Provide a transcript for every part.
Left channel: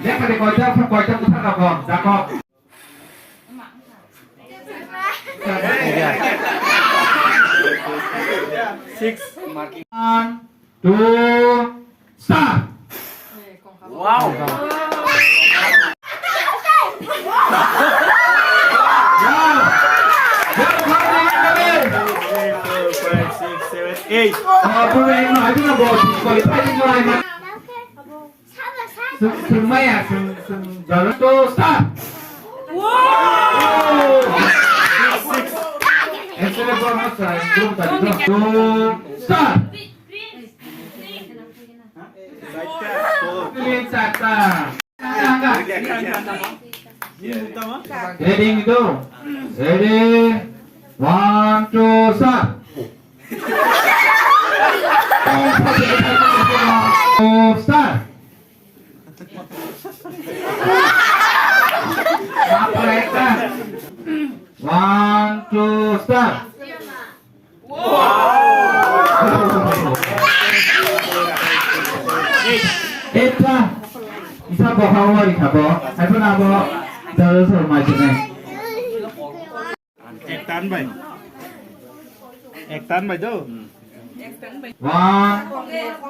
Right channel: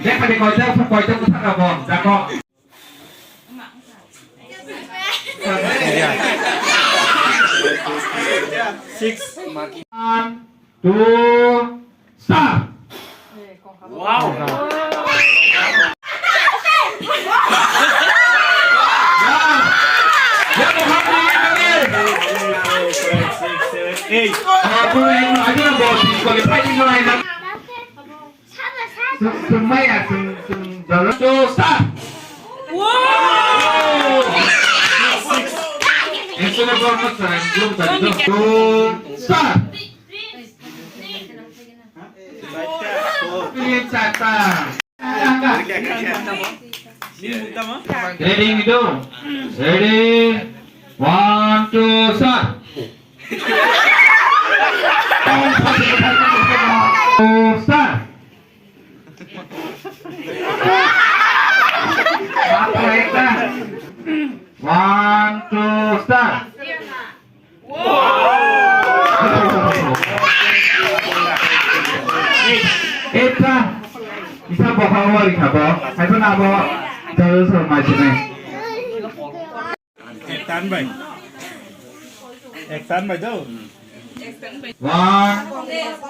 Dia kali kocok kita nggak bohong, cakok. Iya. 6. 1, 2, start. Wow. Sumaya, jalan tuh start. Itu belum selesai, belum tadi tuh start. Ini Chata. Ready itu, ready, 1, 2, start. Start. Apa itu? 1, 2, start. Eta, isa bawa mari kabo, saya nabo jalur semacam ini. Ektan bay tuh. 1,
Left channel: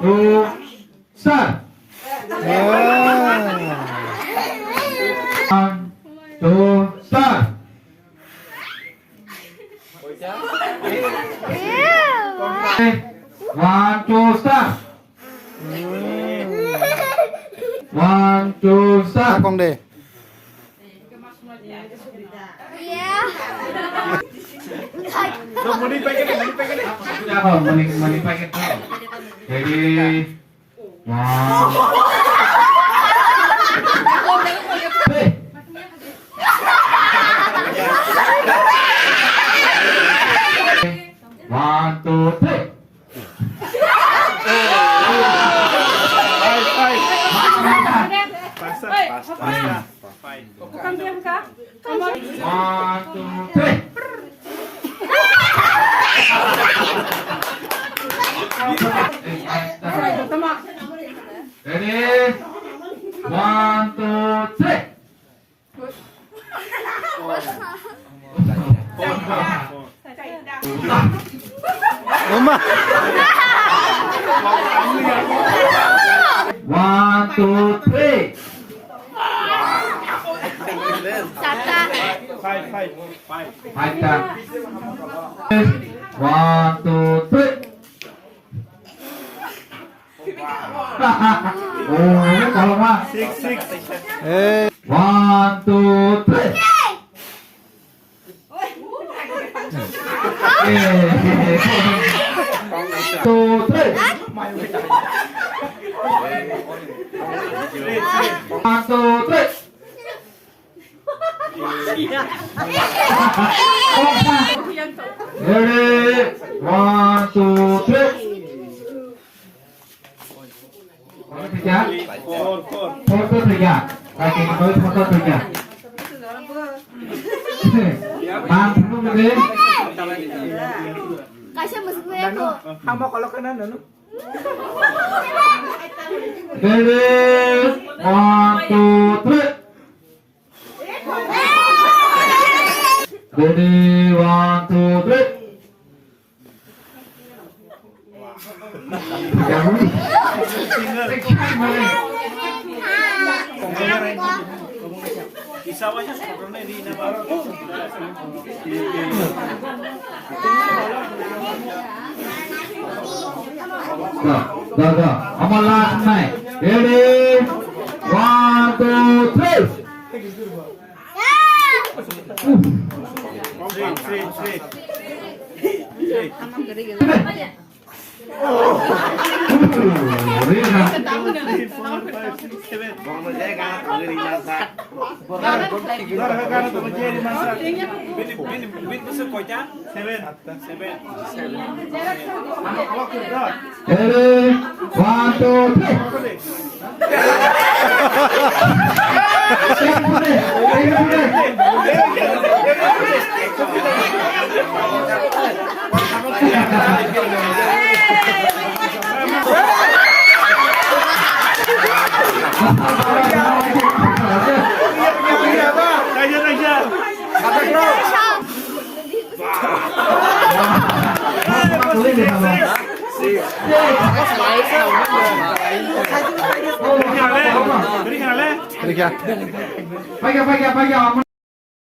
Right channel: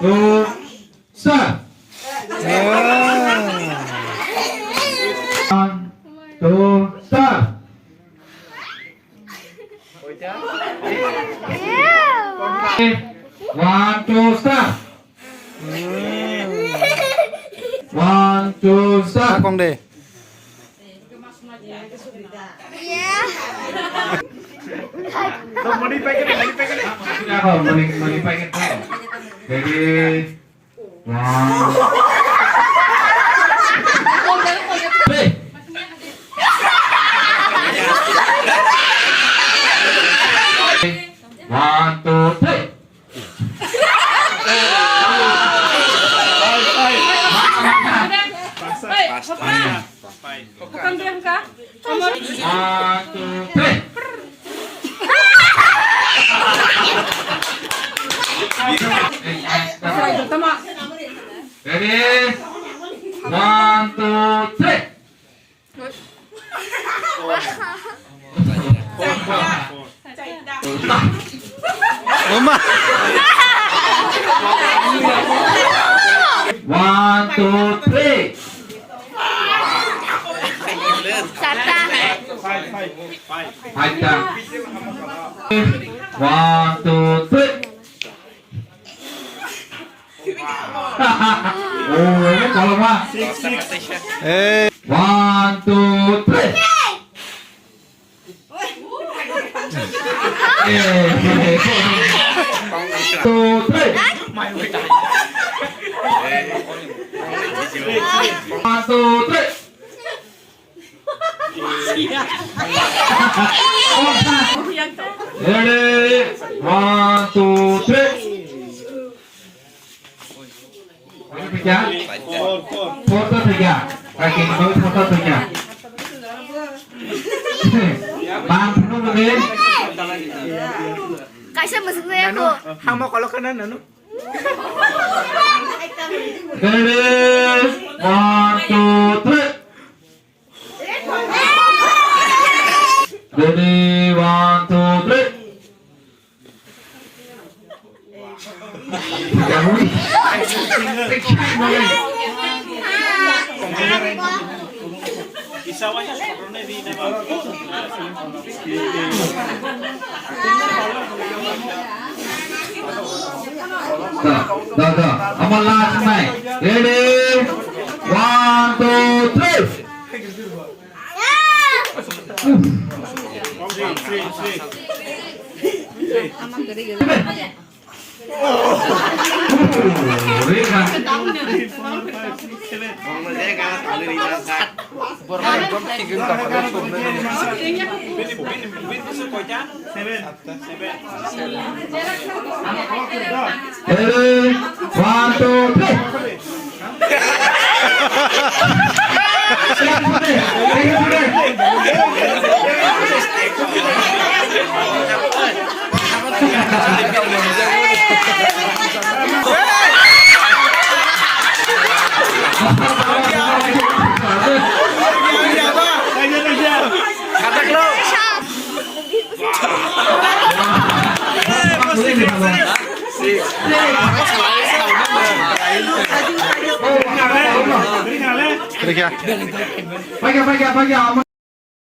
2, start. 1, 2, start. 1, 2, start. 1, 2, start. Akong deh. Mani pakai deh. Apa? Mani pakai apa? Jadi, 1, 2, 3. Bukan BMK. 1, 2, 3. Ready? 1, 2, 3. Uma. 1, 2, 3. Haita. 1, 2, 3. Oh, ini kalau mah. 1, 2, 3. Two, three. 1, 2, 3. Ready? 1, 2, 3. Tiga. Foto tiga. Kaki kedua foto tiga. Mampu lebih. Kasih maksudnya aku. Hamo kalau kanan anu. Ready? 1, 2, 3. Ready? 1, 2, 3. Dah. Amal last night. Ready? 1, 2, 3. Ready? 1, 2, 3. Tayo. Katak lo. Kulit nih kamu. Dari kali. Pagi.